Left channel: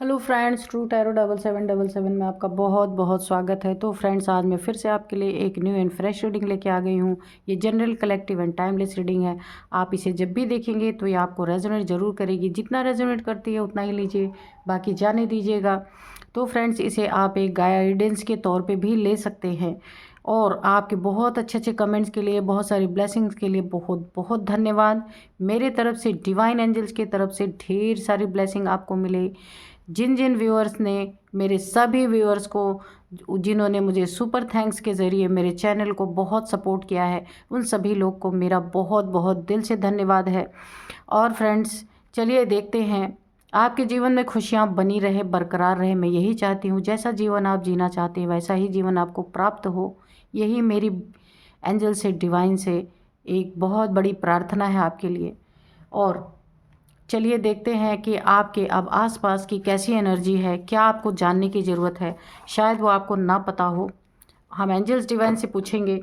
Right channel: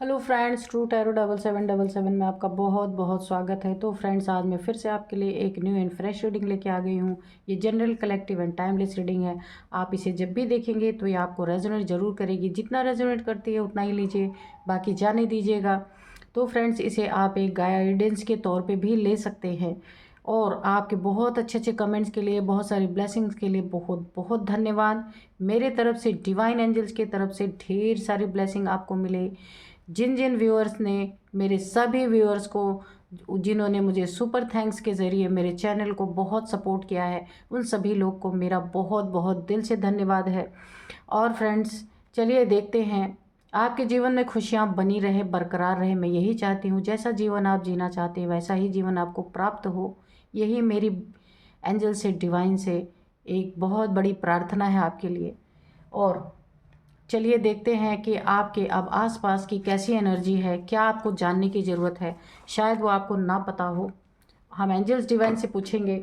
Hello friends, true tarot 7777 में आपका बहुत बहुत स्वागत है। तो फ्रेंड्स, आज मैं फिर से आपके लिए एक न्यू एंड फ्रेश रीडिंग लेके आ गई हूँ। ये general, collective and timeless reading है। आप इसे जब भी देखेंगे तो ये आपको रेजोनेट ज़रूर करेगी। जितना रेजोनेट करती है उतना ही लीजिए, बाकी जाने दीजिएगा। तो फ्रेंड्स, इसे आप एक गाइडेंस के तौर पर भी ले सकते हैं। और आपके बहुत अच्छे अच्छे कमेंट्स के लिए, बहुत सारी ब्लेसिंग्स के लिए बहुत बहुत धन्यवाद। मेरे तरफ से, डिवाइन एंजल्स की तरफ से ढेर सारी ब्लेसिंग आपको मिले। जिन जिन व्यूअर्स ने, मेरे सभी व्यूअर्स को, जिन्होंने मुझे सुपर थैंक्स के ज़रिए मेरे चैनल को बहुत सपोर्ट किया है, उन सभी लोग को मेरा बहुत बहुत दिल से धन्यवाद है। और फ्रेंड्स, चलिए देखते हैं। आपके जीवन में खुशियाँ बनी रहे, बरकरार रहे, मैं यही चाहती हूँ। जैसा जीवन आप जीना चाहते हैं वैसा ही जीवन आपको प्राप्त हो, यही मेरी एंजल से, डिवाइन से एक बहुत बड़ी प्रार्थना है आपके लिए। और चलिए देखते हैं कि आपके अब आसपास की कैसी एनर्जी है, क्या आपको जानने की ज़रूरत है, शायद वो आपको ना पता हो। हम एंजल्स डिवाइन से पूछेंगे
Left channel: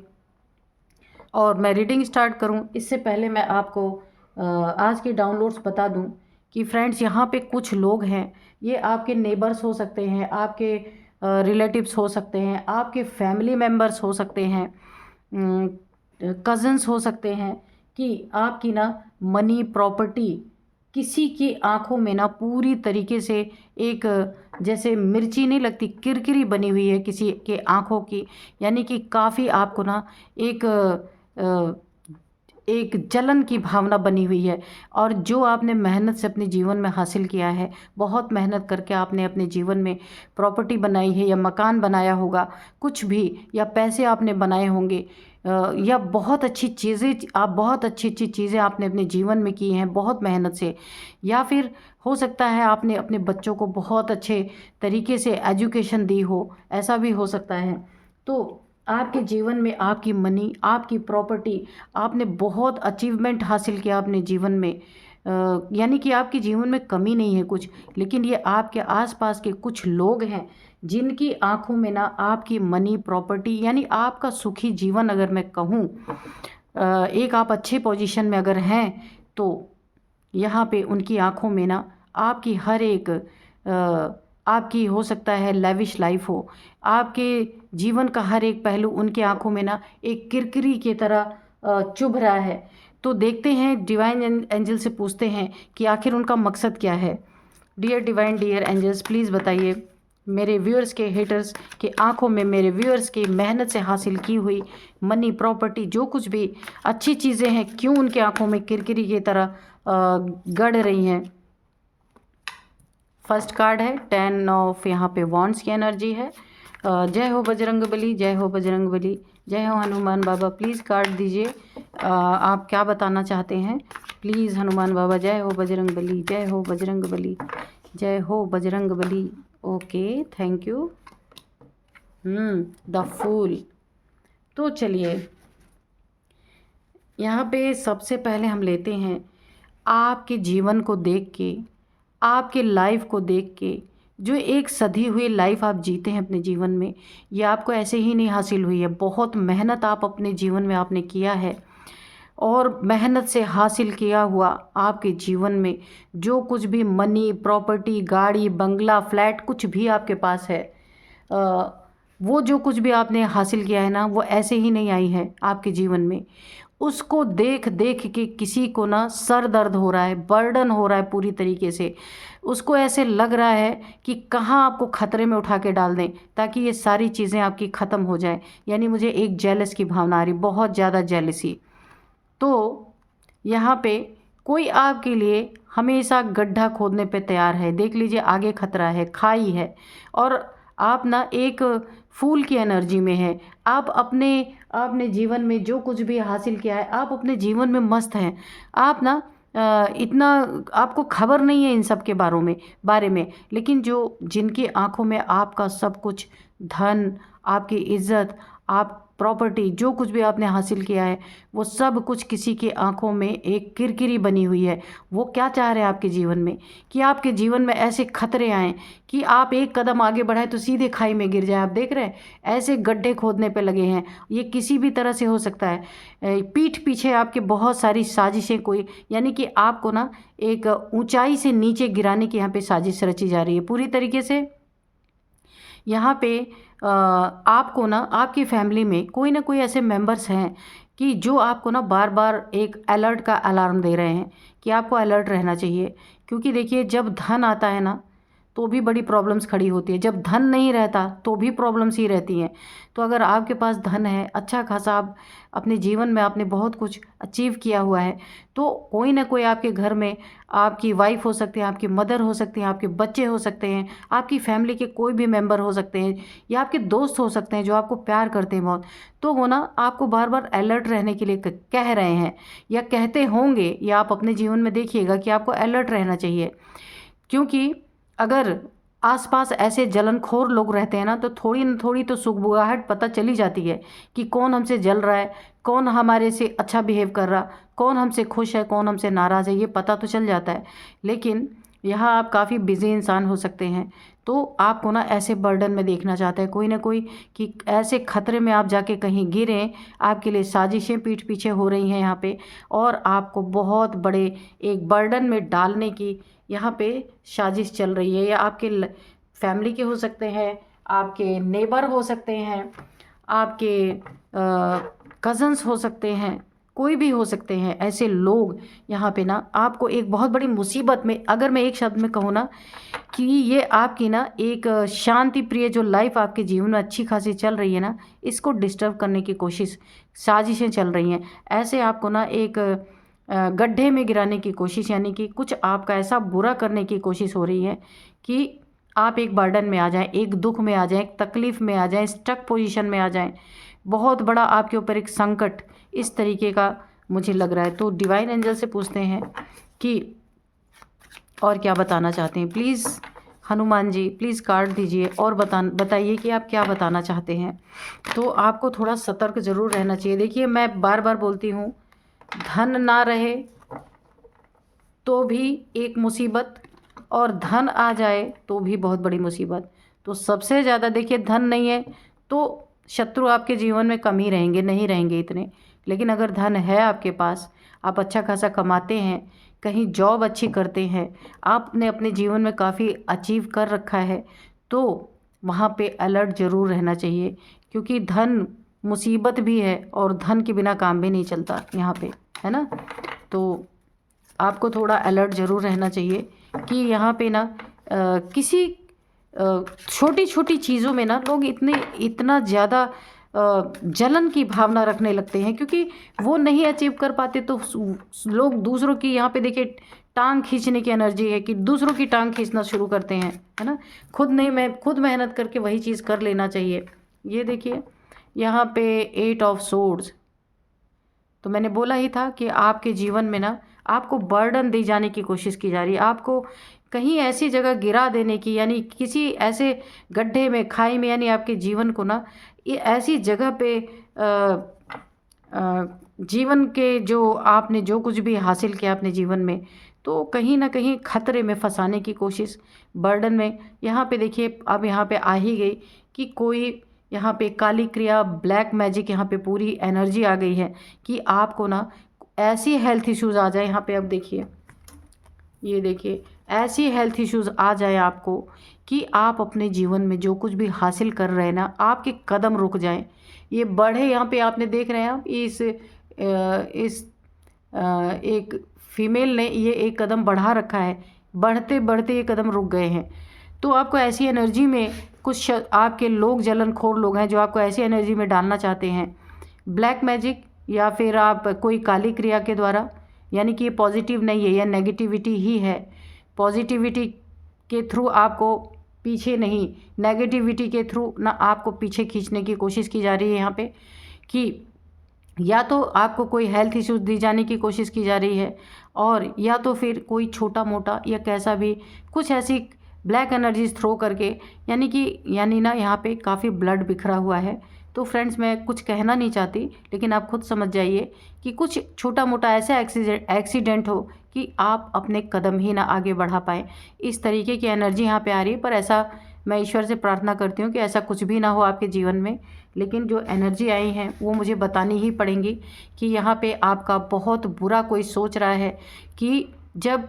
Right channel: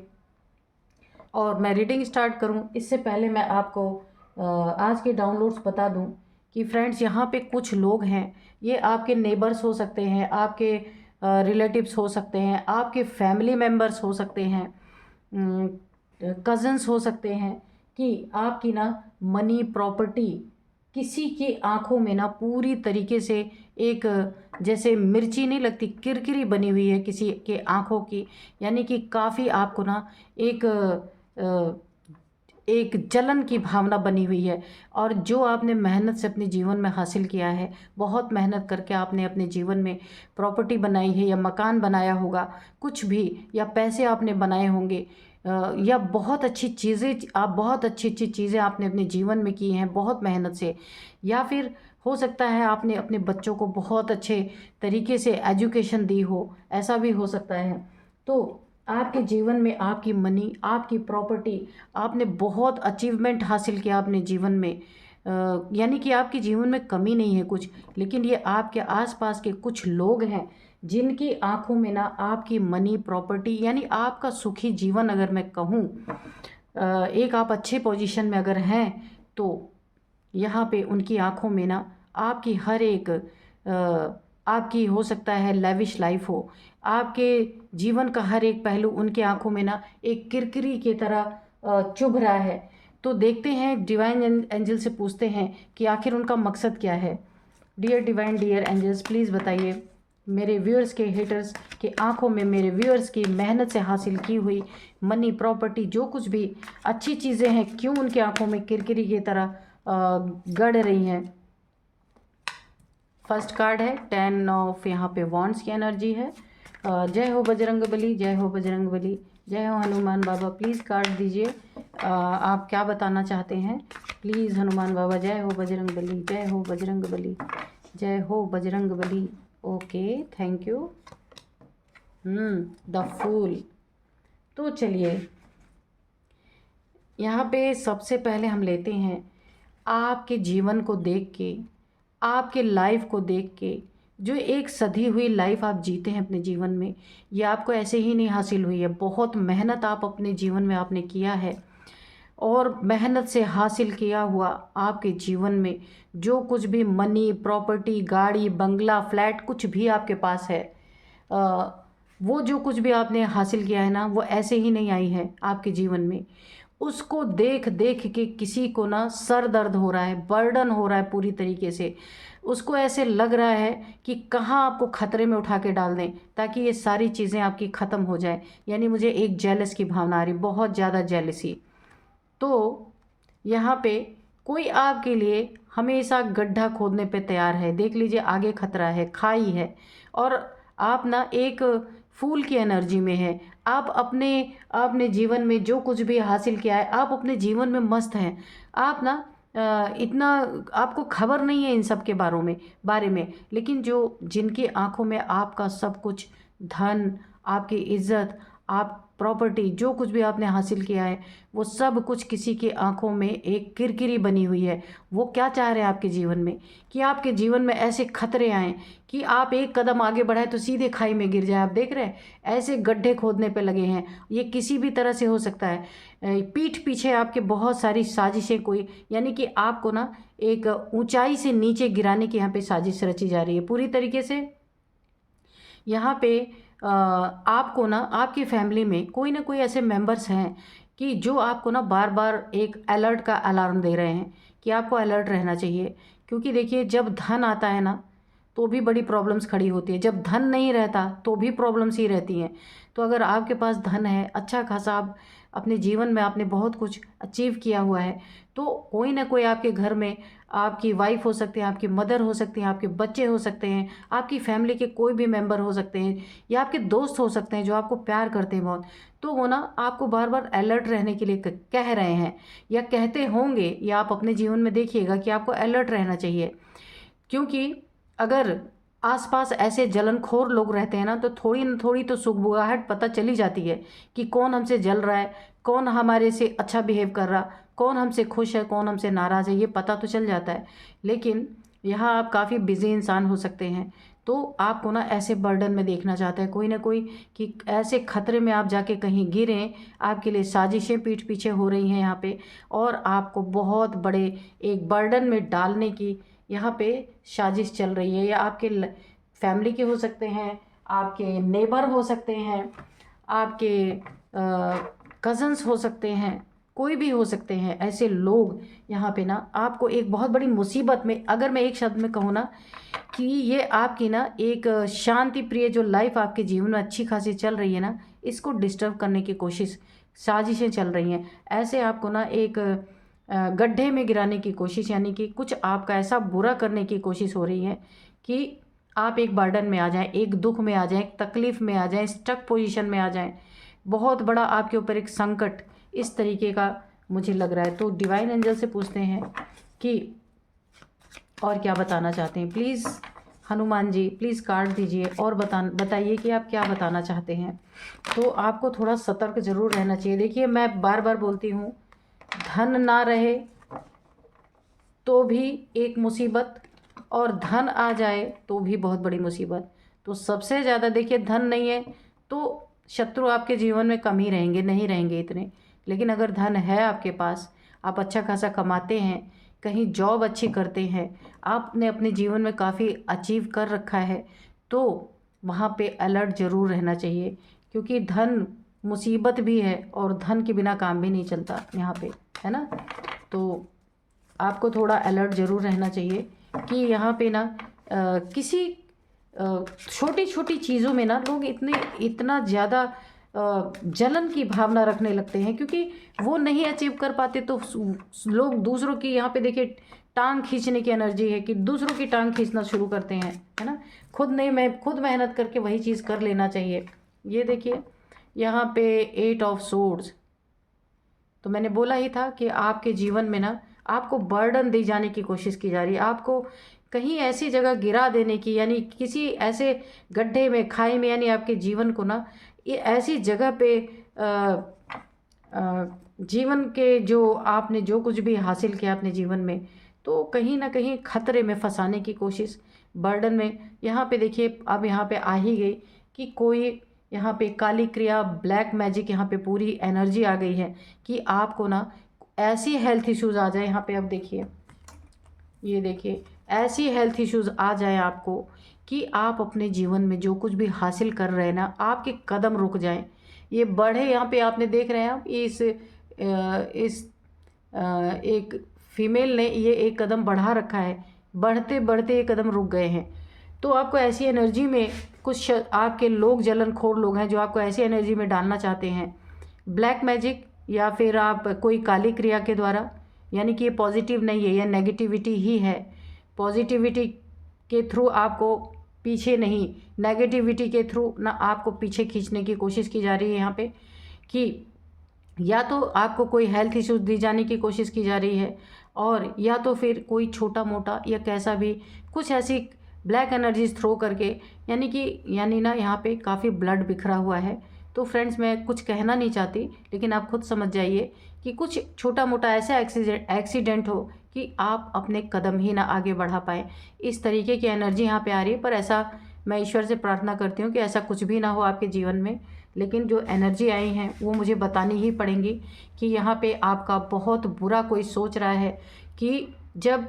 और मैं रीडिंग स्टार्ट करूं इससे पहले मैं आपको आज के डाउनलोड्स बता दूं कि फ्रेंड्स, यहाँ पे कुछ लोग हैं, ये आपके नेबर्स हो सकते हैं, आपके रिलेटिव्स हो सकते हैं, आपके फैमिली मेम्बर्स हो सकते हैं, कज़न्स हो सकते हैं, कि आपकी ना मनी, प्रॉपर्टी किसी की आंखों में ना पूरी तरीके से एक, जैसे मिर्ची नहीं लगती, किरकिरी बनी हुई है किसी के आंखों की। यानी कि काफ़ी आपको ना एक एक जलन की भावना बनी हुई है। और जो आपने मेहनत से अपने जीवन में हासिल किया है, बहुत मेहनत करके आपने अपने जीवन में प्रॉपर्टी बनाई है, या मकान बनाया होगा, कुछ भी, या पैसे आपने बनाए होंगे, या बहुत अच्छी चीज़ें, आप बहुत अच्छी अच्छी चीज़ें आपने अपने जीवन में की हैं बहुत मेहनत से। या फिर हो सकता है आपने अपने बच्चों को बहुत अच्छे तरीके से एजुकेशन दी हो, ऐसा भी हो सकता है। तो आपके जीवन में आपकी मनी, आपकी प्रॉपर्टी, आपने बहुत अचीवमेंट हासिल किया अपने जीवन में, यानी कि आपके जीवन में कमी नहीं है कुछ। लेकिन ये आपके आसपास के कुछ लोग हैं जिनकी आंखों में ना आपकी मनी, प्रॉपर्टी, यानी आपका सुखी जीवन, अगर मैं कहूँ, एक आप अच्छे पोजीशन में अगर हैं, तो यहाँ पे उनकी आंखों में ना आपकी हर एक, आपकी हो सकता है लेविश लाइफ हो, आपके जीवन का हर एक पहलू उनकी आंखों में ना एक किरकिरी की तरह चुभ रहा है। तो देखते हैं, डिवाइन एंजल से पूछते हैं कि आखिर उनका मकसद क्या है। Dear divine, dear angels, please बताइए मेरे व्यूअर्स के हेटर्स की आंखों में, मेरे व्यूअर्स की मेहनत से हासिल की हुई मनी, प्रॉपर्टी, जो कुछ भी अच्छी चीज़ें हैं, क्यों उनकी आंखों में किरकिरी की तरह गड़ रही हैं। फर्स्ट कार्ड है 10 ऑफ, यहाँ पे वॉन्ड्स की एनर्जी है। जय हो बजरंगबली, जय हो बजरंगबली, जय हो हनुमान बाबा। प्लीज़ कार्ड दीजिए, आप क्या बताना चाहते हैं। प्लीज़ हनुमान बाबा, जय हो बजरंगबली, जय हो बजरंगबली, जय हो Bajrangbali. Okay, thank you. The fool. तो चलिए, यहाँ पे सबसे पहले हम लेते हैं आपके जीवन को देख के, आपके लाइफ को देख के, जो एक सधी हुई लाइफ आप जीते हैं अपने जीवन में, ये आपको ऐसे ही नहीं हासिल हुई है। बहुत मेहनत आप अपने जीवन में आपने किया है, और मेहनत से हासिल किया हुआ आपके जीवन में जो कुछ भी मनी, प्रॉपर्टी, गाड़ी, बंगला, फ्लैट, कुछ भी आपके पास है, वो जो कुछ भी आपने हासिल किया है ना, वो ऐसे ही नहीं आई है आपके जीवन में। उसको देख देख के किसी को ना सर दर्द हो रहा है, बर्डन हो रहा है पूरी तरीके से। उसको ऐसे लग रहा है कि कहाँ आपको खतरे में उठा के डाल दें ताकि ये सारी चीज़ें आपकी ख़त्म हो जाएं। यानी मुझे एक जेलस की भावना आ रही, बहुत ज़्यादा जेलसी। तो यहाँ पे कोई आपके लिए हमेशा गड्ढा खोदने पे तैयार है। देख लीजिए, आगे खतरा है, खाई है, और आप ना एक फूल की एनर्जी में है। आप आपने जीवन में जो कुछ भी हासिल किया है, आप अपने जीवन में मस्त हैं। आप ना इतना आपको खबर नहीं है इन सब के बारे में। लेकिन जो जिनकी आंखों में आपका सब कुछ, धन, आपकी इज्जत, आप प्रॉपर्टी, जो कुछ भी आपने हासिल किया है वो सब कुछ किसी के आंखों में एक किरकिरी बनी हुई है। वो क्या चाह रहे हैं आपके जीवन में, कि आपके जीवन में ऐसे खतरे आएँ कि आप एक कदम आगे बढ़ाएं तो सीधे खाई में गिर जाए। आप देख रहे हैं ऐसे गड्ढे खोदने पे लगे हैं। ये किसी भी तरह से हो सकता है। पीठ पीछे आपके बहुत सारी साजिशें, कोई यानी कि आपको ना एक ऊंचाई से नीचे गिराने की यहाँ पे साजिश रची जा रही है पूरी तरीके से। यहाँ पे आपको ना आपकी फैमिली में कोई ना कोई ऐसे मेंबर्स हैं कि जो आपको ना बार बार एक अलर्ट का अलार्म दे रहे हैं कि आपको अलर्ट रहना चाहिए। क्योंकि देखिए, जब धन आता है ना तो भी बड़ी प्रॉब्लम्स खड़ी होती है, जब धन नहीं रहता तो भी प्रॉब्लम्स ही रहती हैं। तो अगर आपके पास धन है, अच्छा खासा आप अपने जीवन में आपने बहुत कुछ अचीव किया हुआ है, तो कोई ना कोई आपके घर में आपकी वाइफ हो सकती है, आपकी मदर हो सकती है, आपके बच्चे हो सकते हैं, आपकी फैमिली के कोई भी मेंबर हो सकते हैं, या आपके दोस्त हो सकते हैं जो आपको प्यार करते हैं बहुत। तो वो ना आपको बार बार अलर्ट रहने के लिए कह रहे हैं या कहते होंगे, या आप अपने जीवन में देखिएगा कि आपको अलर्ट रहना चाहिए। क्योंकि अगर आसपास ऐसे जलनखोर लोग रहते हैं ना, तो थोड़ी न थोड़ी तो सुगबुगाहट पता चली जाती है कि कौन हमसे जल रहा है, कौन हमारे से अच्छा बिहेव कर रहा, कौन हमसे खुश है, कौन हमसे नाराज़ है, ये पता तो चल जाता है। लेकिन यहाँ आप काफ़ी बिजी इंसान हो सकते हैं, तो आपको ना ऐसे बर्डन में देखना चाहते हैं कोई ना कोई, कि ऐसे खतरे में आप जाके कहीं गिरें। आपके लिए साजिशें पीठ पीछे हो रही हैं यहाँ पे, और आपको बहुत बड़े एक बर्डन में डालने की यहाँ पे साजिश चल रही है। या आपके फैमिली के हो सकते हैं, आपके नेबर हो सकते हैं, आपके कज़न्स हो सकते हैं, कोई भी हो सकते हैं ऐसे लोग यहाँ पे ना आपको एक बहुत बड़ी मुसीबत में, अगर मैं एक शब्द में कहूँ ना, कि ये आपकी ना एक शांति प्रिय जो लाइफ आपके जीवन में अच्छी खासी चल रही है ना, इसको डिस्टर्ब करने की कोशिश, साजिशें चल रही हैं। ऐसे आपको ना एक गड्ढे में गिराने की कोशिश, यानी कि कुछ आपका ऐसा बुरा करने की कोशिश हो रही है कि आप एक बर्डन में आ जाएं, एक दुख में आ जाएं, एक तकलीफ़ में आ जाएं, स्टक पोजीशन में आ जाएं। बहुत बड़ा आपके ऊपर एक संकट इस तरीके का मुझे लग रहा है। तो डिवाइन एंजल से पूछते हैं कि और क्या बताना चाहते हैं। Please Hanuman ji, please card दीजिए और बताइए कि आप क्या बताना चाहते हैं। तो आपको थोड़ा सतर्क ज़रूर रहना चाहिए। देखिए, मैं बार बार बोलती हूँ, धन ना रहे तो भी एक मुसीबत, और धन आ जाए तो भी बहुत बड़ी मुसीबत। तो सबसे ज़्यादा देखिए, धन नहीं है तो शत्रु आपके जीवन में कम ही रहेंगे, नहीं रहेंगे इतने। लेकिन अगर धन है आपके पास, आप अच्छा खासा कमाते हैं, कहीं जॉब अच्छी करते हैं, आपने अपने जीवन में काफ़ी अचीव कर रखा है, तो वहाँ पे अलर्ट ज़रूर रहना चाहिए। क्योंकि धन मुसीबत भी है, और धन के बिना काम भी नहीं चलता यहाँ पे, है ना। तो आपको थोड़ा अलर्ट ज़रूर रहना चाहिए कि यहाँ पे ना किसी छोटी छोटी चीज़ों में ना लोग इतना ज़्यादा जलन की भावना रखने लगते हैं, क्योंकि वो नहीं अचीव कर पाते तो लोग दूसरों की, यहाँ पे देखिए, टांग खींचने की एनर्जी है कि दूसरों की टांग खींचना शुरू करते हैं, है ना। खुद नहीं, मैं खुद मेहनत करके वही चीज़ कर लेना चाहिए। ये देखिए यहाँ पे 8 ऑफ सोर्ड्स, तो मैंने बोला ही था कि आपके जीवन में ना आपको बर्डन दी जाने की कोशिश की जा रही है, आपको कहीं ऐसी जगह गिरा देने की, यानी किसी ऐसे गड्ढे में, खाई में, यानी आपके जीवन को ना ये ऐसी जगह पे जीवन के जो आपने जो कुछ भी हासिल किया अपने जीवन में, तो कहीं ना कहीं खतरे में फंसाने की कोशिश, बर्डन में। यहाँ पे देखिए, अब यहाँ पे आ ही गई कि कोई यहाँ पे काली क्रिया, ब्लैक मैजिक, यहाँ पे पूरी एनर्जी आ गई है कि आपको ना ऐसी हेल्थ इश्यूज़ आ जाए। यहाँ पे अब देखिए, ये देखिए, ऐसी हेल्थ इश्यूज़ आ जाए आपको कि आप अपने जीवन में जो कुछ भी हासिल कर रहे हैं ना, आपके कदम रुक जाएं, ये बढ़े। यहाँ पे आपने देख रहे हैं आप इस एक फीमेल ने ये एक कदम बढ़ा रखा है, बढ़ते बढ़ते ये कदम रुक गए हैं। तो आपको ऐसी एनर्जी में कुछ आपके लोग, जलनखोर लोग हैं जो आपको ऐसी एनर्जी में डालना चाहते हैं, ब्लैक मैजिक, या फिर आप कोई काली क्रिया के द्वारा, यानी कि ये पॉजिटिव नहीं है, यह नेगेटिविटी ही है। पॉजिटिविटी के थ्रू आपको पीछे नहीं, नेगेटिविटी के थ्रू ना आपको पीछे खींचने की कोशिश की जा रही है यहाँ पे, कि या तो आपको कोई हेल्थ इश्यूज दी जाने की कोशिश की जा रही है, और या तो फिर कोई छोटा मोटा या कैसा भी कुछ ऐसी ब्लैक एनर्जीज थ्रो करके, यानी ना यहाँ पे काफ़ी ब्लड बिखरा हुआ है, तो फ्रेंड्स मैं कुछ कहना नहीं चाहती, लेकिन आप खुद समझ जाइए कि कुछ छोटा मोटा ऐसा एक्सीडेंट हो कि आप अपने कदम ही ना आगे बढ़ा पाएँ। इस तरीके की एनर्जी यहाँ पे आ रही है, पर ऐसा मैं ईश्वर से प्रार्थना करती हूँ कि ऐसा कुछ भी ना हो आपके जीवन में। लेकिन जो एनर्जी आई हैं वो मुझे बतानी ही पड़ेंगी कि यहाँ पे आपका बहुत बुरा कोई सोच रहा है कि जब,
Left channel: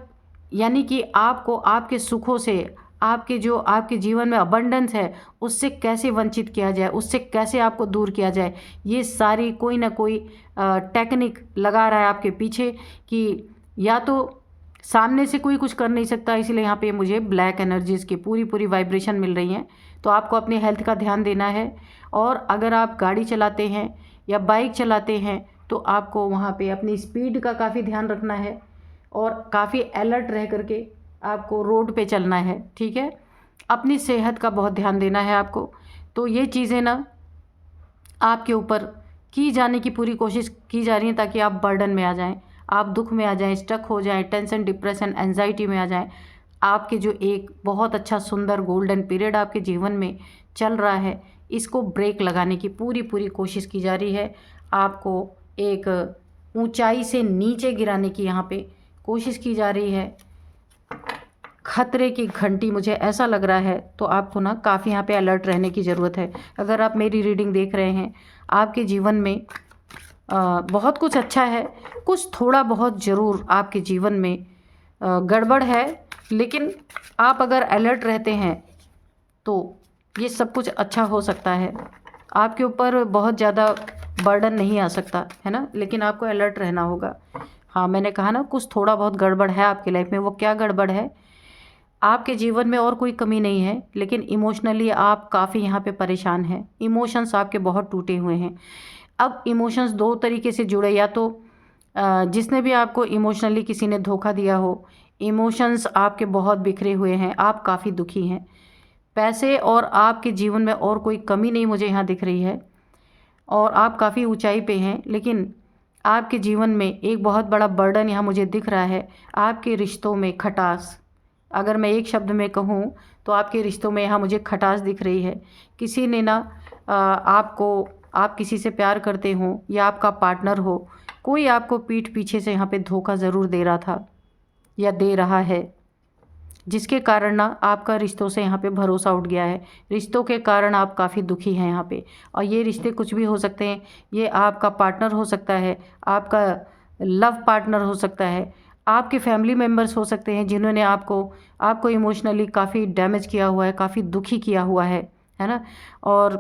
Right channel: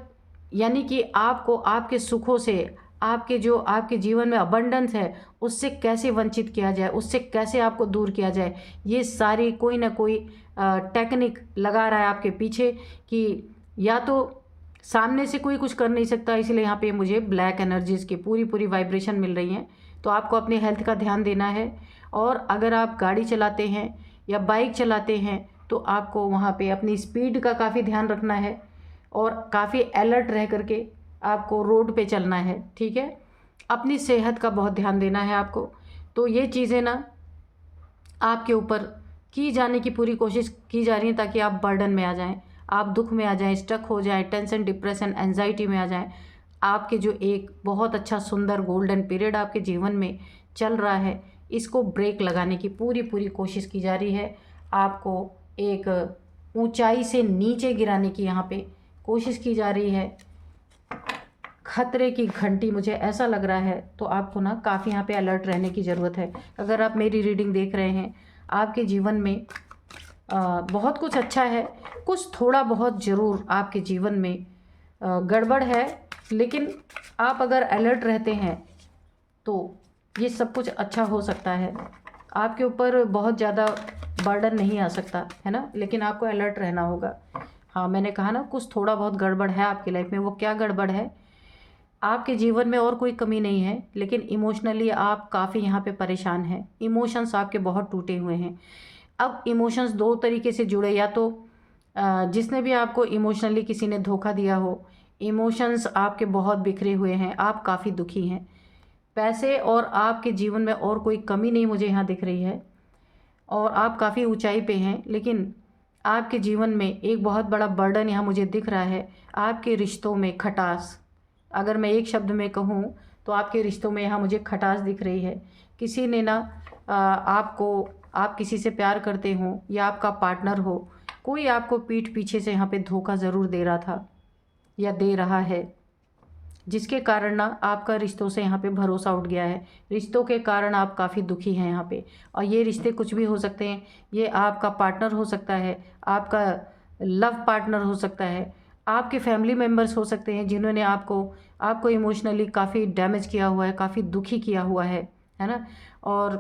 यानी कि आपको आपके सुखों से, आपके जो आपके जीवन में अबंडेंस है उससे कैसे वंचित किया जाए, उससे कैसे आपको दूर किया जाए, ये सारी कोई ना कोई टेक्निक लगा रहा है आपके पीछे कि या तो सामने से कोई कुछ कर नहीं सकता, इसलिए यहाँ पे मुझे ब्लैक एनर्जीज़ की पूरी पूरी वाइब्रेशन मिल रही हैं। तो आपको अपनी हेल्थ का ध्यान देना है, और अगर आप गाड़ी चलाते हैं या बाइक चलाते हैं तो आपको वहाँ पे अपनी स्पीड का काफ़ी ध्यान रखना है और काफ़ी अलर्ट रह करके आपको रोड पे चलना है, ठीक है। अपनी सेहत का बहुत ध्यान देना है आपको। तो ये चीज़ें ना आपके ऊपर की जाने की पूरी कोशिश की जा रही है ताकि आप बर्डन में आ जाएं, आप दुख में आ जाएं, स्टक हो जाएं, टेंशन, डिप्रेशन, एंजाइटी में आ जाएं। आपके जो एक बहुत अच्छा सुंदर गोल्डन पीरियड आपके जीवन में चल रहा है, इसको ब्रेक लगाने की पूरी पूरी कोशिश की जा रही है। आपको एक ऊंचाई से नीचे गिराने की यहाँ पे कोशिश की जा रही है। खतरे की घंटी मुझे ऐसा लग रहा है, तो आपको ना काफ़ी यहाँ पे अलर्ट रहने की ज़रूरत है। अगर आप मेरी रीडिंग देख रहे हैं, आपके जीवन में बहुत कुछ अच्छा है, कुछ थोड़ा बहुत ज़रूर आपके जीवन में गड़बड़ है, लेकिन आप अगर अलर्ट रहते हैं तो ये सब कुछ अच्छा हो सकता है। आपके ऊपर बहुत ज़्यादा बर्डन नहीं आ सकता है ना, लेकिन आपको अलर्ट रहना होगा। हाँ, मैंने कहा ना कुछ थोड़ा बहुत गड़बड़ है आपकी लाइफ में। वो क्या गड़बड़ है? आपके जीवन में और कोई कमी नहीं है, लेकिन इमोशनली आप काफ़ी यहाँ पे परेशान हैं। इमोशंस आपके बहुत टूटे हुए हैं। अब इमोशंस दो तरीके से जुड़े, या तो जिसने भी आपको इमोशनली किसी ने धोखा दिया हो, इमोशंस आपके बहुत बिखरे हुए हैं, आप काफ़ी दुखी हैं। पैसे और आपके जीवन में और कोई कमी नहीं मुझे यहाँ दिख रही है, और आप काफ़ी ऊंचाई पे हैं, लेकिन आपके जीवन में एक बहुत बड़ा बर्डन यहाँ मुझे दिख रहा है। आपके रिश्तों में खटास, अगर मैं एक शब्द में कहूँ तो आपके रिश्तों में यहाँ मुझे खटास दिख रही है। किसी ने ना आप किसी से प्यार करते हो या आपका पार्टनर हो, कोई आपको पीठ पीछे से यहाँ पे धोखा ज़रूर दे रहा था या दे रहा है, जिसके कारण ना आपका रिश्तों से यहाँ पे भरोसा उठ गया है। रिश्तों के कारण आप काफ़ी दुखी हैं यहाँ पे, और ये रिश्ते कुछ भी हो सकते हैं। ये आपका पार्टनर हो सकता है, आपका लव पार्टनर हो सकता है, आपके फैमिली मेम्बर्स हो सकते हैं जिन्होंने आपको इमोशनली काफ़ी डैमेज किया हुआ है, काफ़ी दुखी किया हुआ है ना। और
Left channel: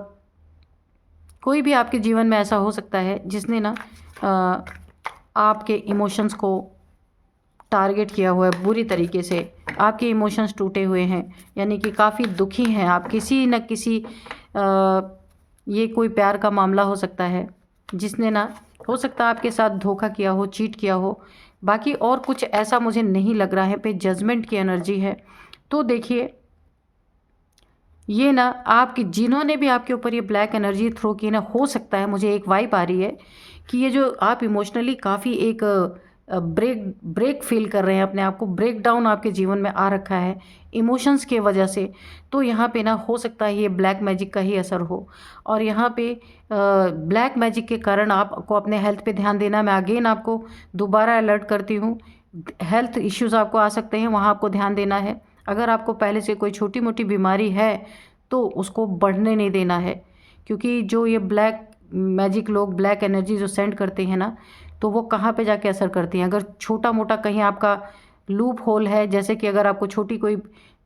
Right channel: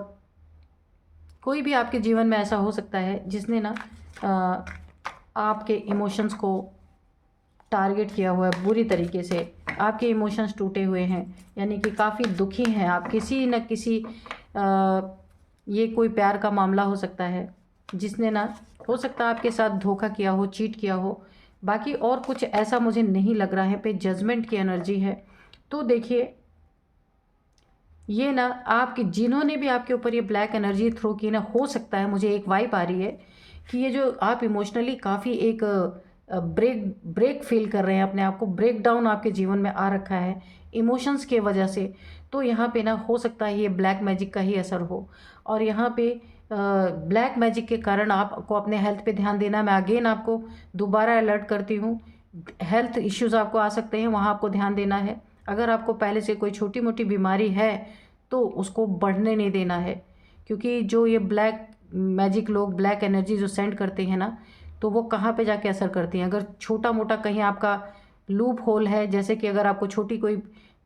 कोई भी आपके जीवन में ऐसा हो सकता है जिसने ना आपके इमोशंस को टारगेट किया हुआ है बुरी तरीके से। आपके इमोशंस टूटे हुए हैं, यानी कि काफ़ी दुखी हैं आप। किसी न किसी ये कोई प्यार का मामला हो सकता है जिसने ना, हो सकता है आपके साथ धोखा किया हो, चीट किया हो। बाकी और कुछ ऐसा मुझे नहीं लग रहा है। पे जजमेंट की एनर्जी है। तो देखिए, ये ना आपकी, जिन्होंने भी आपके ऊपर ये ब्लैक एनर्जी थ्रो की ना, हो सकता है, मुझे एक वाइब आ रही है कि ये जो आप इमोशनली काफ़ी एक ब्रेक फील कर रहे हैं, अपने आप को ब्रेक डाउन आपके जीवन में आ रखा है इमोशंस के वजह से। तो यहाँ पे ना हो सकता है ये ब्लैक मैजिक का ही असर हो, और यहाँ पे ब्लैक मैजिक के कारण आपको अपने हेल्थ पे ध्यान देना। मैं अगेन आपको दोबारा अलर्ट करती हूँ, हेल्थ इश्यूज़ आपको आ सकते हैं, वहाँ आपको ध्यान देना है। अगर आपको पहले से कोई छोटी मोटी बीमारी है तो उसको बढ़ने नहीं देना है, क्योंकि जो ये ब्लैक मैजिक लोग ब्लैक एनर्जी जो सेंड करते हैं ना, तो वो कहाँ पे जाके असर करती हैं। अगर छोटा मोटा कहीं आपका लूप होल है, जैसे कि अगर आपको छोटी कोई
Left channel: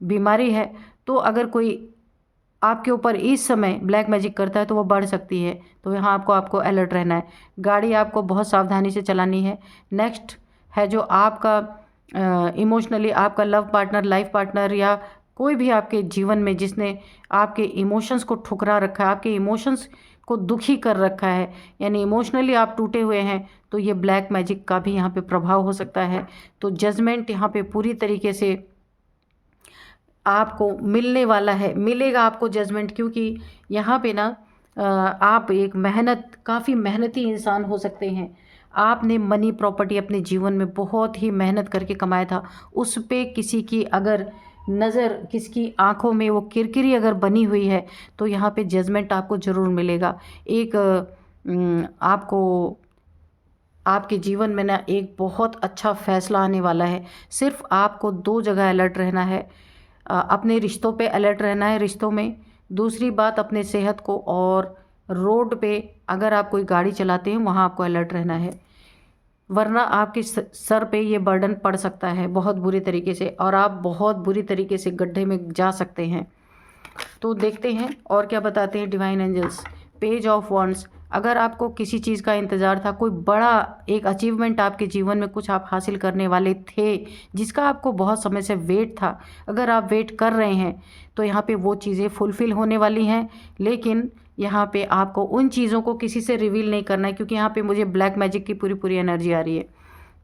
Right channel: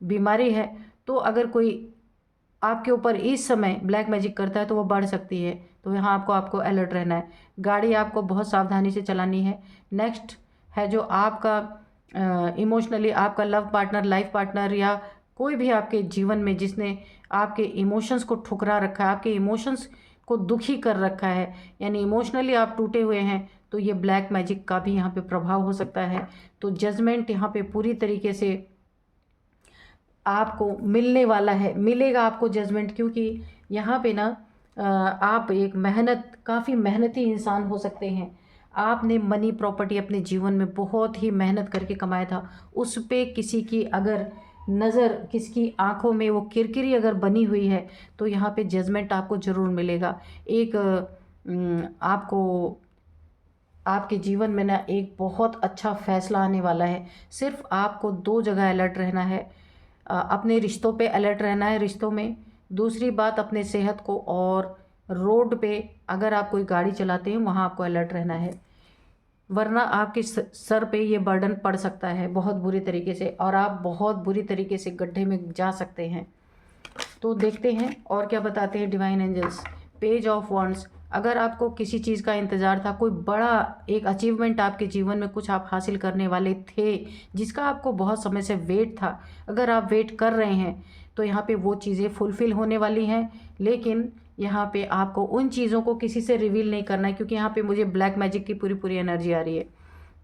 बीमारी है, तो अगर कोई आपके ऊपर इस समय ब्लैक मैजिक करता है तो वो बढ़ सकती है। तो यहाँ आपको अलर्ट रहना है। गाड़ी आपको बहुत सावधानी से चलानी है। नेक्स्ट है जो आपका इमोशनली आपका लव पार्टनर, लाइफ पार्टनर, या कोई भी आपके जीवन में जिसने आपके इमोशंस को ठुकरा रखा है, आपके इमोशंस को दुखी कर रखा है, यानी इमोशनली आप टूटे हुए हैं, तो ये ब्लैक मैजिक का भी यहाँ पे प्रभाव हो सकता है। तो जजमेंट यहाँ पे पूरी तरीके से आपको मिलने वाला है, मिलेगा आपको जजमेंट, क्योंकि यहाँ पे ना आप एक काफ़ी मेहनती इंसान हो सकते हैं। आपने मनी प्रॉपर्टी अपने जीवन में बहुत ही मेहनत करके कमाया था, उस पे किसी की अगर नज़र, किसकी आँखों में वो किरकिरी अगर बनी हुई है तो यहाँ पे जजमेंट आपको ज़रूर मिलेगा। एक आपको आपके जीवन में ना एक बहुत अच्छा फ़ैसला आने वाला है। सिर्फ़ आपको 2 जगह अलर्ट रहना है। अपने रिश्तों पे अलर्ट रहना है, रिश्तों में। दूसरी बात अपने सेहत को, और रोड पे अगर आप कोई गाड़ी चलाते हैं वहाँ आपको अलर्ट रहना है, वरना आपके सर पे ये बर्डन पड़ सकता है बहुत बुरी तरीके से, और आप बहुत बुरी तरीके से गड्ढे में जा सकते हैं। तो देखते हैं और क्या बताते हैं divine angels. Page of wands, अगर आपको किसी चीज़ का इंतज़ार था, कोई बड़ा एक अचीवमेंट आपके जीवन में कुछ आप हासिल करने वाले थे, जिसका आपको बहुत समय से वेट था, अगर आप वेट कर रहे हैं तो यहाँ पे वो चीज़ें फुलफ़िल होने वाली हैं। लेकिन यहाँ पे आपको उन चीज़ों को किसी से रिवील नहीं करना है, क्योंकि यहाँ पे मुझे ब्लैक मैजिक की पूरी पूरी एनर्जी आ रही है।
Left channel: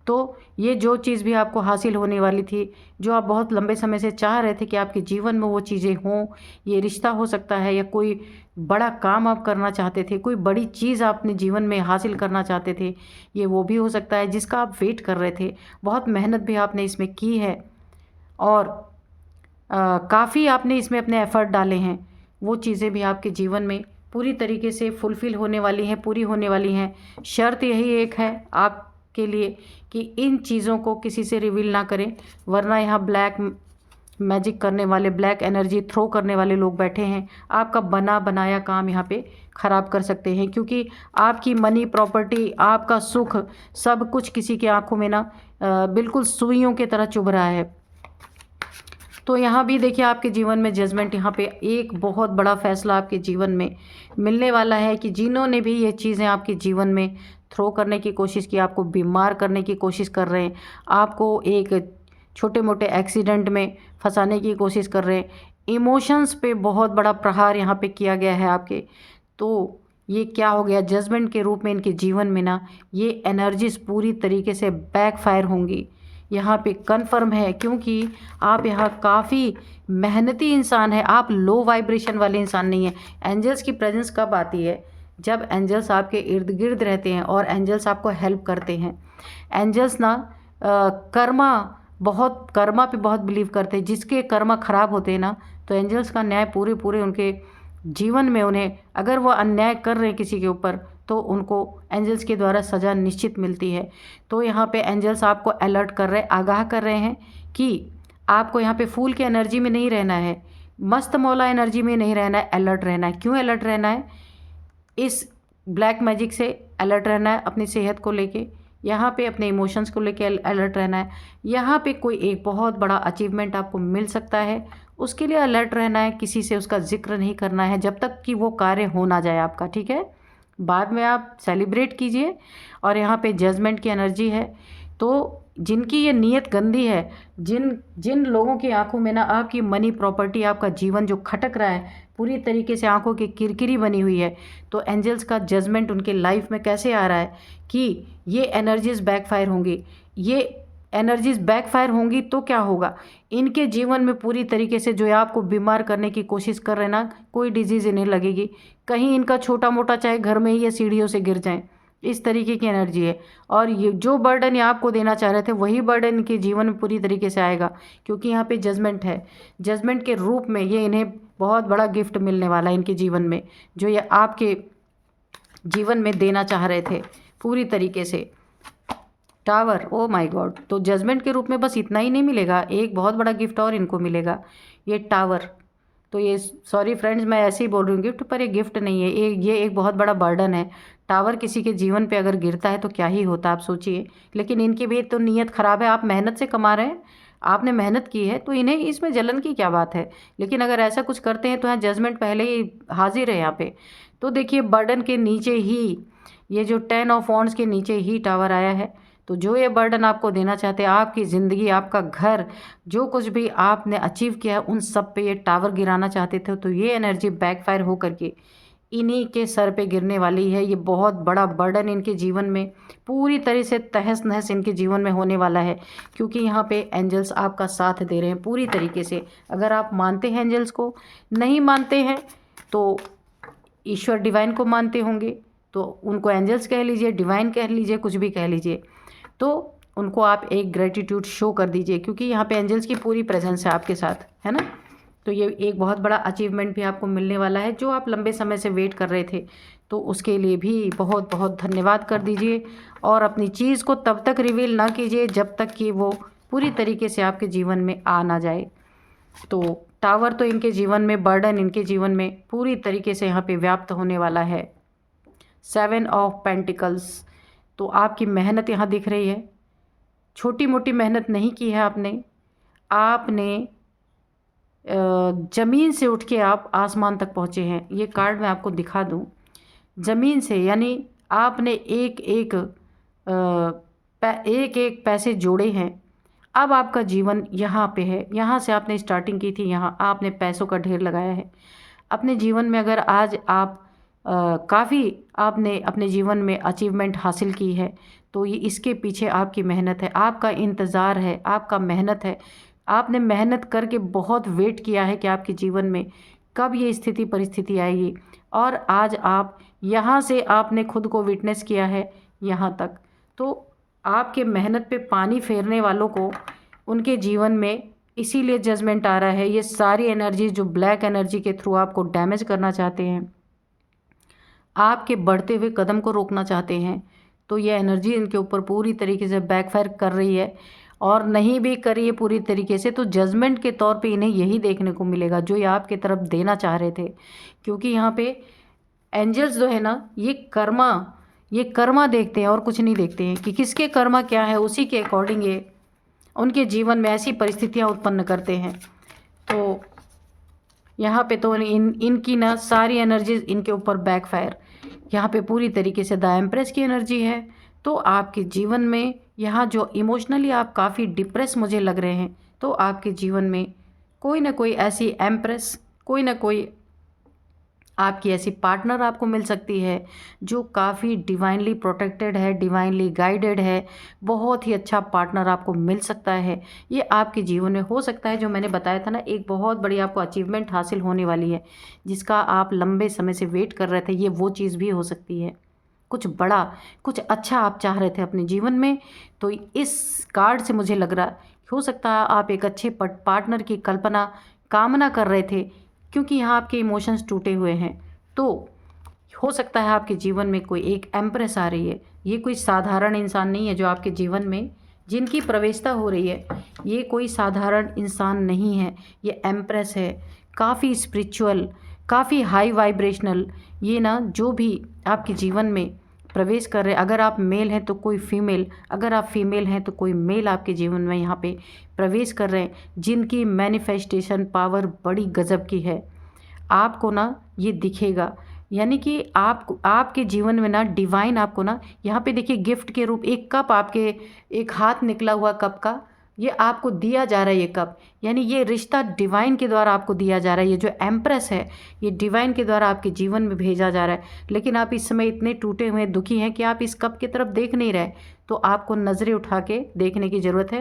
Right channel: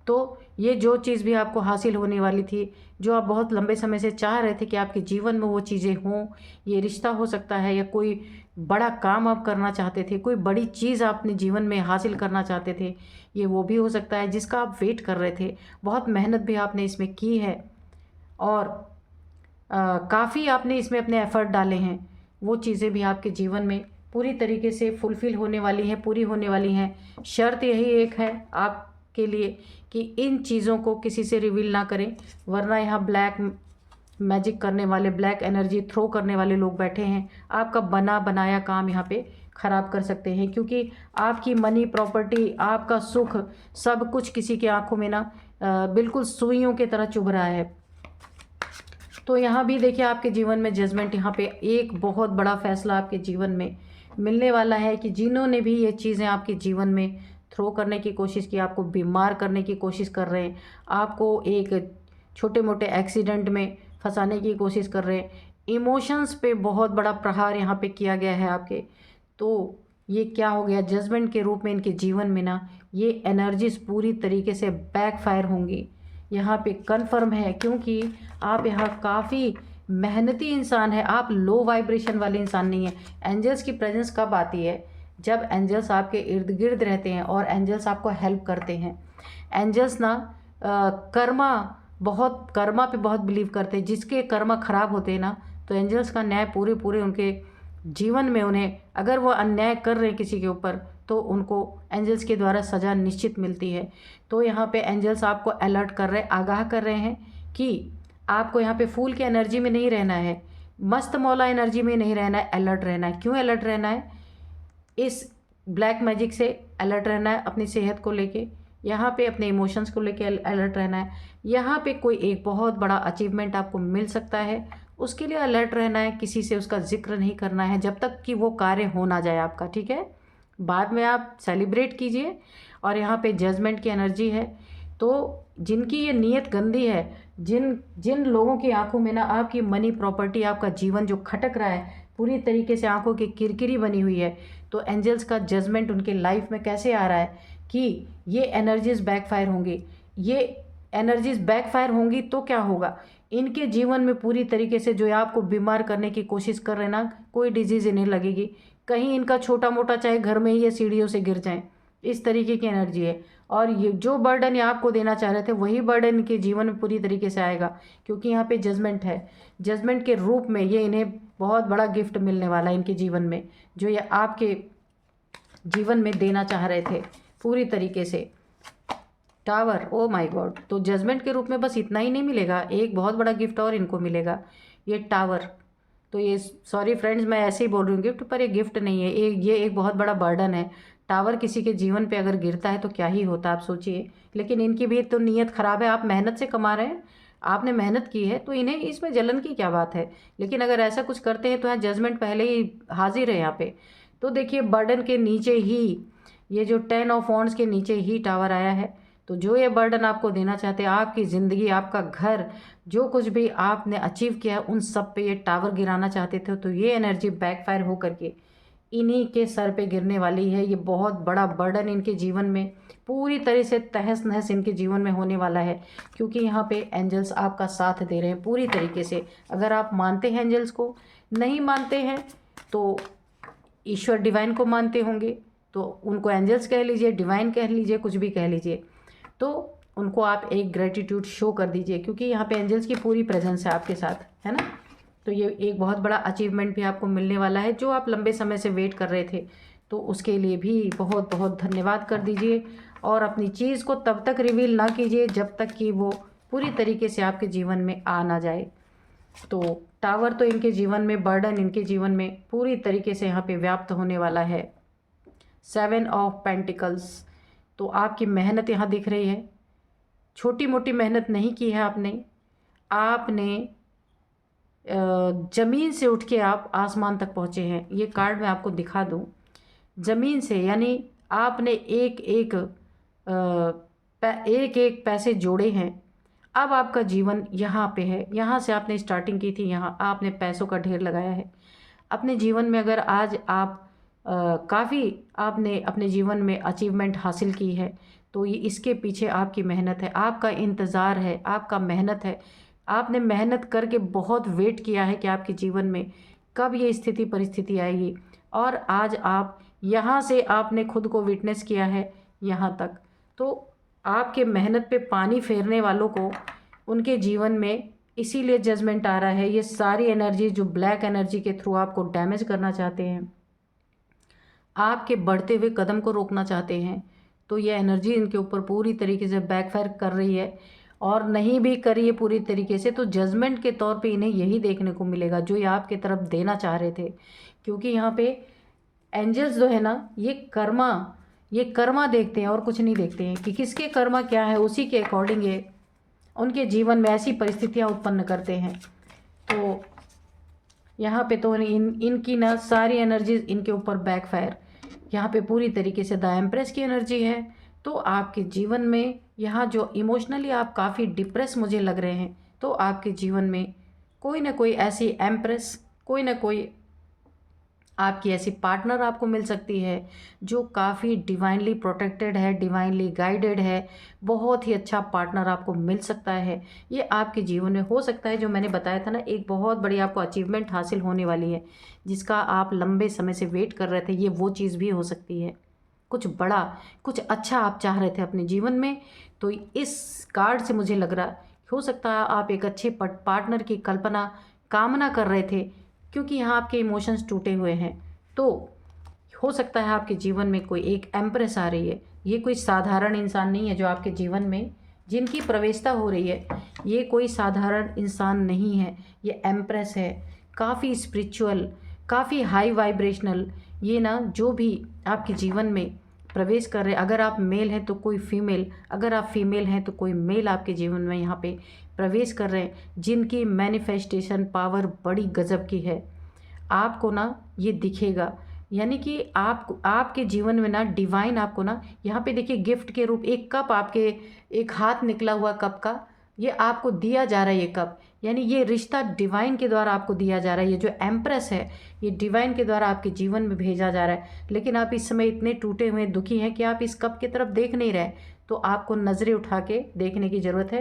तो ये जो चीज़ भी आपको हासिल होने वाली थी, जो आप बहुत लंबे समय से चाह रहे थे कि आपके जीवन में वो चीज़ें हों, ये रिश्ता हो सकता है, या कोई बड़ा काम आप करना चाहते थे, कोई बड़ी चीज़ आप अपने जीवन में हासिल करना चाहते थे, ये वो भी हो सकता है जिसका आप वेट कर रहे थे। बहुत मेहनत भी आपने इसमें की है, और काफ़ी आपने इसमें अपने एफ़र्ट डाले हैं। वो चीज़ें भी आपके जीवन में पूरी तरीके से फुलफ़िल होने वाली हैं, पूरी होने वाली हैं। शर्त यही एक है आपके लिए कि इन चीज़ों को किसी से रिवील ना करें, वरना यहाँ ब्लैक मैजिक करने वाले, ब्लैक एनर्जी थ्रो करने वाले लोग बैठे हैं। आपका बना बनाया काम यहाँ पे ख़राब कर सकते हैं, क्योंकि आपकी मनी, प्रॉपर्टी, आपका सुख, सब कुछ किसी की आंखों में ना बिल्कुल सुइयों की तरह चुभ रहा है। तो यहाँ भी देखिए आपके जीवन में जजमेंट, यहाँ पे एक बहुत बड़ा फैसला आपके जीवन में मिलने वाला है कि जिन्होंने भी ये चीज़ें आपके जीवन में थ्रो करने की कोशिश की, आपको बीमार करने की कोशिश कर रहे हैं, आपको एक छोटे मोटे एक्सीडेंट में फंसाने की कोशिश कर रहे हैं, इमोशंस पे बहुत बड़ा प्रहार यहाँ पे किया गया है आपके, तो ये क्या हो गया, जजमेंट के रूप में इनके जीवन में ना ये एनर्जीज पूरी तरीके से बैकफायर होंगी। यहाँ पे कन्फर्म है, क्योंकि आप यहाँ काफ़ी मेहनती इंसान है, आप लो वाइब्रेशन वाले इंसान नहीं है। एंजल्स की प्रेजेंस कब आती है? जब एंजल्स आपके इर्द गिर्द रहते हैं और एंजल्स आपको हेल्प करते हैं। एंजल्स ना कर्मा पे बहुत बिलीव करते हैं। जिसके कर्मा खराब होते हैं ना, तो एंजल्स का न्याय पूरे पूरे उनके जीवन में, उन्हें अगर वो अन्याय कर रहे हैं किसी के ऊपर, तो उनको एंजल्स के द्वारा सज़ा निश्चित मिलती है। तो यहाँ पे एंजल्स आपको अलर्ट कर रहे हैं, आगाह कर रहे हैं कि आपको यहाँ पे फूल की एनर्जी में नहीं रहना है, मस्त मौला एनर्जी में नहीं रहना है, अलर्ट रहना है। क्यों अलर्ट रहना है? इस ब्लैक मैजिक से अलर्ट रहना है, अपनी सेहत को लेके, यहाँ पे अपने इमोशंस को लेके अलर्ट रहना है। यहाँ पे कोई एक बहुत बड़ा अचीवमेंट आपको मिल सकता है, उसके लिए अलर्ट रहना है। किसी से उसका जिक्र नहीं करना है जब तक कि वो कार्य हो ना जाए आपका, ठीक है? बाद में आप सेलिब्रेट कीजिए। और यहाँ पे जजमेंट की एनर्जी है, तो जिनकी ये नीयत गंदी है, जिन जिन लोगों की आंखों में ना आपकी मनी, प्रॉपर्टी, आपका जीवन जो खटक रहा है, पूरी तरीके से आंखों की किरकिरी बनी हुई है, तो एंजल्स का जजमेंट उनके लाइफ में कैसे आ रहा है कि ये एनर्जीज बैकफायर होंगी। ये एनर्जीज बैकफायर होंगी तो क्या होगा, इनके जीवन में पूरी तरीके से जो आपको बीमार करने की कोशिश कर रहे हैं ना, कोई डिजीज़ इन्हें लगेगी। कहीं इनका छोटा मोटा, चाहे घर में ही या सीढ़ियों से गिर जाएं, इस तरीके की एनर्जी है। और ये जो बर्डन ये आपको देना चाह रहे थे, वही बर्डन इनके जीवन में पूरी तरीके से आएगा, क्योंकि यहाँ पे जजमेंट है। जजमेंट के रूप में ये इन्हें बहुत बड़ा गिफ्ट मिलने वाला है इनके जीवन में, जो ये आपके जीवन में देना चाह रहे थे पूरी तरीके से। Tower, oh my God. तो जजमेंट के रूप में बस इतना ही नहीं मिलेगा, एक बहुत बड़ा गिफ्ट और इनको मिलेगा, ये टावर। तो ये, सॉरी फ्रेंड्स, मैं ऐसे ही बोल रही हूँ गिफ्ट, पर ये गिफ्ट नहीं है, ये एक बहुत बड़ा बर्डन है। टावर किसी के जीवन पे अगर गिरता है तो क्या ही होता है, आप सोचिए। लेकिन इनकी भी तो नीयत ख़राब है, आप मेहनत से कमा रहे हैं, आपने मेहनत की है, तो इन्हें इसमें जलन की क्या बात है। लेकिन अगर ऐसा कुछ करते हैं तो यहाँ जजमेंट पहले ही हाजिर है यहाँ पे। तो देखिए बर्डन के नीचे ही, ये जो 10 ऑफ वॉन्ड्स के नीचे ही टावर आया है। तो जो ये बर्डन आपको देना चाहते हैं, आपकी ज़िंदगी, आपका घर, जो कुछ भी आपने अचीव किया है, उन सब पे ये टावर गिराना चाहते थे, तो ये एनर्जी बैकफायर हो करके इन्हीं के सर पे गिरने वाली है। ये बहुत बड़ा बर्डन इनके जीवन में पूरी तरह से तहस नहस इनके जीवन में होने वाला है, क्योंकि यहाँ पे एंजल्स आपका साथ दे रहे हैं पूरी तरीके से। अगर आप मानते हैं एंजल्स को, नहीं मानते हैं तो ईश्वर डिवाइन को मानते होंगे, तो उनको एंजल्स कह लीजिए, डिवाइन कह लीजिए, कुछ भी कह लीजिए। तो उनको आप एक ग्रेटिट्यूड शो कर दीजिए, क्योंकि यहाँ पे एंजल्स की पूरी प्रेजेंस है आपके साथ, है ना। तो ये एक बहुत बड़ा अचीवमेंट भी आपको मिलने वाला है, जो आप लंबे समय से वेट कर रहे थे। तो उसके लिए भी बहुत बहुत धन्यवाद कर दीजिए, और अपनी चीज़ को तब तक रिवील ना कीजिए जब तक कि वो पूरी तरीके से आपके जीवन में आ ना जाए। तो टावर तो इनके जीवन में, बर्डन इनके जीवन में पूरी तरीके से यहाँ पे व्याप्त होने वाला है। 7 ऑफ पेंटिकल्स, तो आपकी मेहनत यहाँ दिख रही है। छोटी मोटी मेहनत नहीं की है आपने ज़मीन से उठ के आप आसमान तक पहुँचे हैं। ये कार्ड मैं आपको दिखा दूँ, ज़मीन से, यानी आपने एक एक पैसे जोड़े हैं। अब आपका जीवन यहाँ पे है, यहाँ से आपने स्टार्टिंग की थी, यहाँ आपने पैसों का ढेर लगाया है अपने जीवन में। अगर आज आप काफ़ी आपने अपने जीवन में अचीवमेंट हासिल की है, तो ये इसके पीछे आपकी मेहनत है, आपका इंतज़ार है, आपका मेहनत है। आपने मेहनत करके बहुत वेट किया है कि आपके जीवन में कब ये स्थिति परिस्थिति आएगी, और आज आप यहाँ से आपने खुद को विटनेस किया है यहाँ तक। तो आपके मेहनत पे पानी फेरने वालों को उनके जीवन में इसीलिए जजमेंट आ रहा है। ये सारी एनर्जी जो ब्लैक एनर्जी के थ्रू आपको डैमेज करना चाहते हैं, आपके बढ़ते हुए कदम को रोकना चाहते हैं, तो ये एनर्जी इनके ऊपर पूरी तरीके से बैकफायर कर रही है। और नहीं भी करिए पूरी तरीके से, तो जजमेंट के तौर पे इन्हें यही देखने को मिलेगा जो ये आपके तरफ देना चाह रहे थे। क्योंकि यहाँ पे एंजल्स जो है ना, ये कर्मा देखते हैं और कुछ नहीं देखते हैं कि किसके कर्मा क्या है, उसी के अकॉर्डिंग ये उनके जीवन में ऐसी परिस्थितियाँ उत्पन्न करते हैं। तो यहाँ पे तो इनकी ना सारी एनर्जीज इनके ऊपर बैकफायर, यहाँ पे पूरी तरीके से द एम्प्रेस की एनर्जी है। तो आपके जीवन में यहाँ जो इमोशनली आप काफ़ी डिप्रेस मुझे लग रहे हैं, तो आपके जीवन में कोई ना कोई ऐसी एम्प्रेस, कोई ना कोई आपकी ऐसी पार्टनर आपको मिल सकती है जो काफ़ी डिवाइनली प्रोटेक्टेड है, डिवाइनली गाइडेड है। बहुत ही अच्छा पार्टनर आपको मिल सकता है। ये आपके जीवन में हो सकता है, जो मैंने बताया था ना, एक बहुत बड़ी आपको अचीवमेंट हासिल होने वाली है जिसका आप लंबे समय से वेट कर रहे थे। ये वो चीज़ भी हो सकती है, कुछ बड़ा, कुछ अच्छा आप चाह रहे थे अपने जीवन में। तो इस कार्ड से मुझे लग रहा हो सकता है आप एक अच्छे पार्टनर की कामना कर रहे थे, क्योंकि यहाँ आपके इमोशंस टूटे हुए हैं। तो हो सकता है आपके जीवन में कोई एक एम्प्रेस आ रही है। ये कोई साधारण इंसान नहीं है जो आपके जीवन में जिनकी प्रवेशता हो रही है, ये कोई साधारण इंसान नहीं है, ये एम्प्रेस है। काफ़ी स्पिरिचुअल, काफ़ी हाई वाइब्रेशनल, ये ना जो भी आपके जीवन में प्रवेश कर रहे हैं, अगर आप मेल हैं तो कोई फीमेल, अगर आप फीमेल हैं तो कोई मेल आपके जीवन में यहाँ पे प्रवेश कर रहे हैं, जिनकी मैनिफेस्टेशन पावर बड़ी गजब की है। आपको ना ये दिखेगा, यानी कि आपके जीवन में ना डिवाइन आपको ना यहाँ पे देखिए गिफ्ट के रूप एक कप, आपके एक हाथ निकला हुआ कप का ये आपको दिया जा रहा है। ये कप यानी ये रिश्ता डिवाइन के द्वारा आपको दिया जा रहा है। ये जो एम्प्रेस है ये डिवाइन के द्वारा आपके जीवन में भेजा जा रहा है। लेकिन आप इस समय इतने टूटे हुए दुखी हैं कि आप इस कप की तरफ देख नहीं रहे। तो आपको नज़रें उठा के देखने की ज़रूरत है,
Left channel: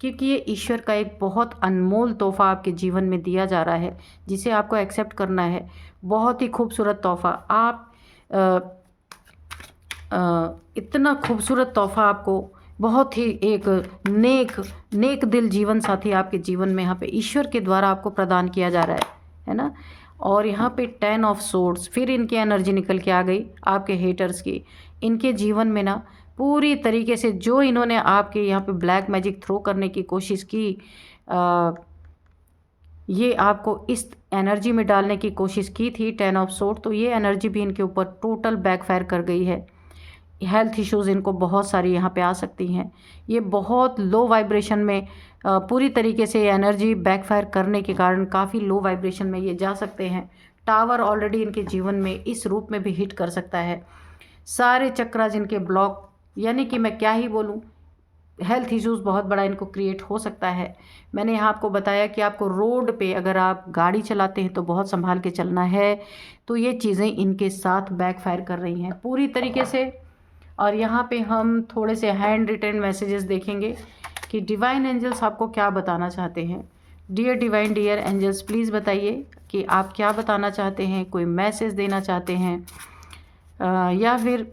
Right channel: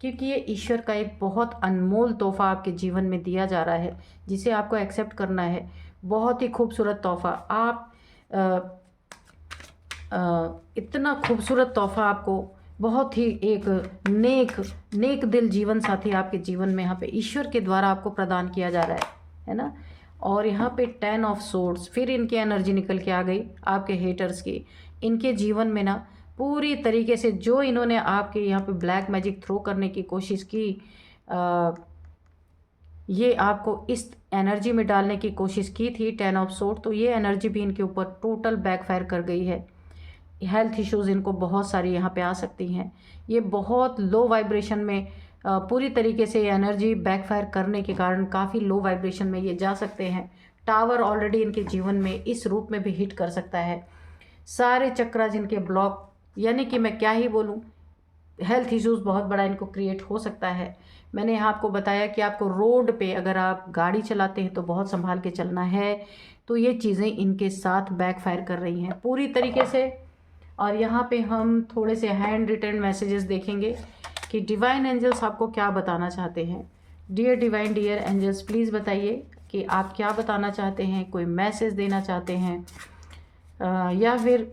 क्योंकि ये ईश्वर का एक बहुत अनमोल तोहफ़ा आपके जीवन में दिया जा रहा है, जिसे आपको एक्सेप्ट करना है। बहुत ही खूबसूरत तोहफ़ा, आप इतना खूबसूरत तोहफ़ा आपको बहुत ही एक नेक दिल जीवन साथी आपके जीवन में यहाँ पे ईश्वर के द्वारा आपको प्रदान किया जा रहा है ना। और यहाँ पे 10 ऑफ सोर्ड्स, फिर इनकी एनर्जी निकल के आ गई आपके हेटर्स की। इनके जीवन में ना पूरी तरीके से जो इन्होंने आपके यहाँ पे ब्लैक मैजिक थ्रो करने की कोशिश की, ये आपको इस एनर्जी में डालने की कोशिश की थी 10 ऑफ सोर्ड, तो ये एनर्जी भी इनके ऊपर टोटल बैकफायर कर गई है। हेल्थ इश्यूज़ इनको बहुत सारी यहाँ पे आ सकती हैं। ये बहुत लो वाइब्रेशन में पूरी तरीके से एनर्जी बैकफायर करने के कारण काफ़ी लो वाइब्रेशन में ये जा सकते हैं। टावर ऑलरेडी इनके जीवन में इस रूप में भी हिट कर सकता है। सारे चक्रास इनके ब्लॉक, यानी कि मैं क्या ही बोलूँ, हेल्थ इश्यूज़ बहुत बड़ा इनको क्रिएट हो सकता है। मैंने यहाँ आपको बताया कि आपको रोड पे अगर आप गाड़ी चलाते हैं तो बहुत संभाल के चलना है। तो ये चीज़ें इनके साथ बैकफायर कर रही हैं पूरी तरीके से। और यहाँ पे हम थोड़े से हैंड रिटन मैसेजेस देखेंगे कि डिवाइन एंजल्स आपको क्या बताना चाहते हैं। Dear divine, dear angels, please बताइए कि आप क्या बताना चाहते हैं, कोई मैसेज देना चाहते हैं, या फिर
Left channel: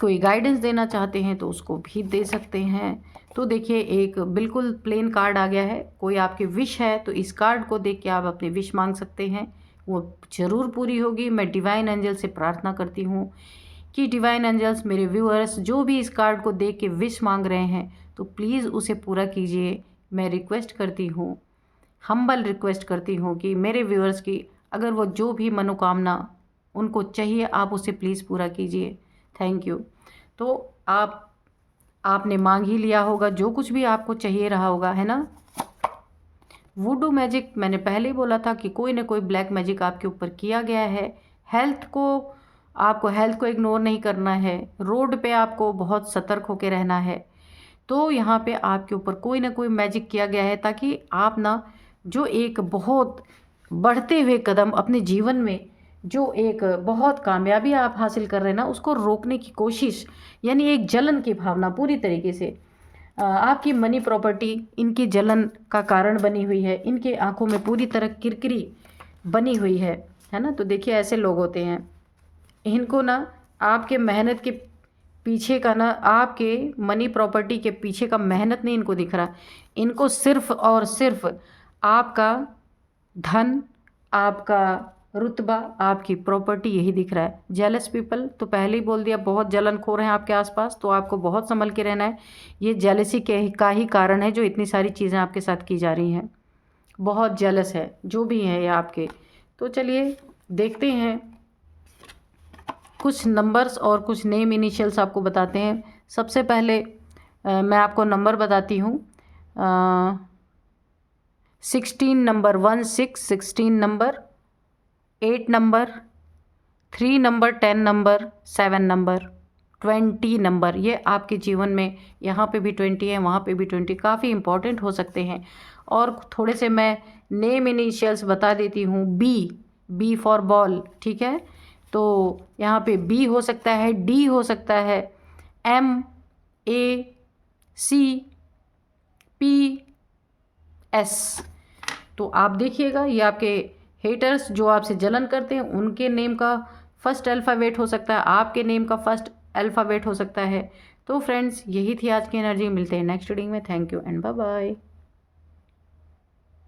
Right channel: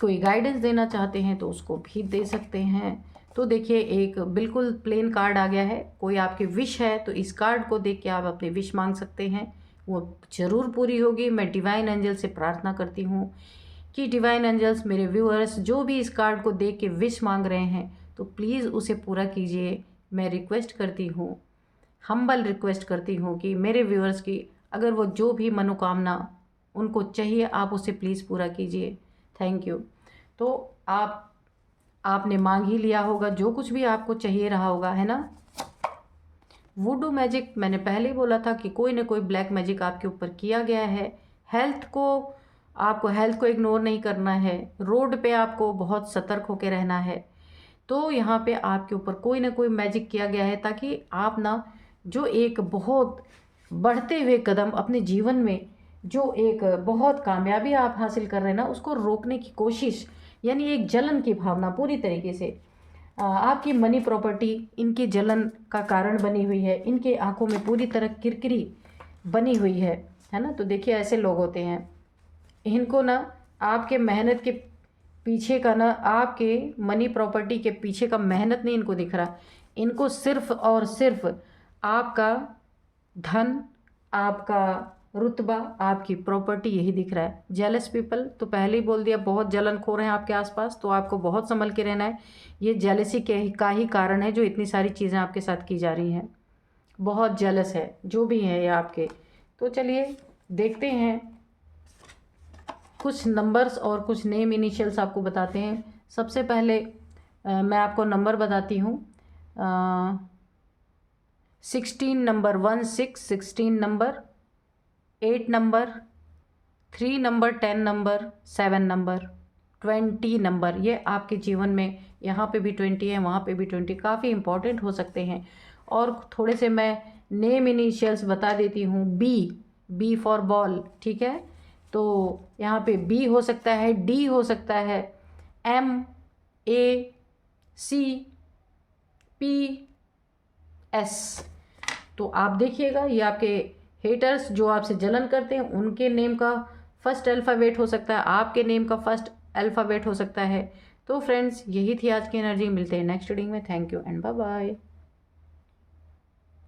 कोई गाइडेंस देना चाहते हैं तो उसको भी दे सकते हैं। तो देखिए एक बिल्कुल प्लेन कार्ड आ गया है। कोई आपकी विश है तो इस कार्ड को देख के आप अपनी विश मांग सकते हैं, वो ज़रूर पूरी होगी। मैं डिवाइन एंजल से प्रार्थना करती हूँ कि डिवाइन एंजल्स मेरे व्यूअर्स जो भी इस कार्ड को देख के विश मांग रहे हैं तो प्लीज़ उसे पूरा कीजिए। मैं रिक्वेस्ट करती हूँ, हम्बल रिक्वेस्ट करती हूँ कि मेरे व्यूअर्स की अगर वो जो भी मनोकामना उनको चाहिए आप उसे प्लीज़ पूरा कीजिए। Thank you. तो आपने मांग ही लिया होगा जो कुछ भी आपको चाहिए रहा होगा, है ना। वुडू मैजिक मैंने पहले ही बोला था कि कोई ना कोई ब्लैक मैजिक आपके ऊपर किया गया है। आपको हेल्थ को इग्नोर नहीं करना है। रोड पे आपको बहुत सतर्क होकर रहना है। तो यहाँ पे आपके ऊपर कोई ना कोई मैजिक किया गया है ताकि आप ना जो एक बहुत बढ़ते हुए कदम अपने जीवन में जो एक बहुत कामयाबी आप हासिल कर रहे हैं ना उसको रोकने की कोशिश, यानी एक जलन की भावना पूरी तरीके से आपकी मनी प्रॉपर्टी इनकी जलन का कारण बनी हुई है। इनके आंखों में पूरी तरह किरकिरी बनी हुई है ना। तो देखिए ऐसे लोग होते हैं, इनको ना आपके मेहनत के पीछे का ना आपके मनी प्रॉपर्टी के पीछे का मेहनत नहीं इनको दिख रहा। इनको सिर्फ और सिर्फ आपका धन, आपका रुतबा, आपकी प्रॉपर्टी यही दिख रहा है। जेलस पीपल तो पहले ही बोल दिया, बहुत जलनखोर हैं आपके आसपास, तो आपको बहुत संभल के रहना है। ये जेलसी का ही कारण है जो इतनी सारी चीज़ें आपके साथ की जा रही हैं। बहुत जेलस है जो भी हैं ये आपके। तो चलिए देखते हैं कुछ नंबर्स और कुछ नेम इनिशियल्स आपको बताते हैं। सबसे पहले मैं आपको नंबर बताती हूँ। 16 number 16 number, 8 number, 3 number, 10 number, 7 number, 20 number. ये आपके जीवन में यहाँ पे भी 20 है, वहाँ पे भी 20 काफ़ी इंपॉर्टेंट हो सकते हैं। और थोड़े से मैं नेम इनिशियल्स बता देती हूँ। बी फॉर बॉल, ठीक है। तो यहाँ पे बी हो सकता है, डी हो सकता है, एम, ए, सी, पी, एस। तो आप देखिएगा ये आपके हेटर्स जो आपसे जलन करते हैं उनके नेम का फर्स्ट अल्फ़ाबेट हो सकता है, आपके नेम का फर्स्ट अल्फ़ाबेट हो सकता है। तो फ्रेंड्स यही थी आज की एनर्जी। मिलते हैं नेक्स्ट रीडिंग में। Thank you and bye bye.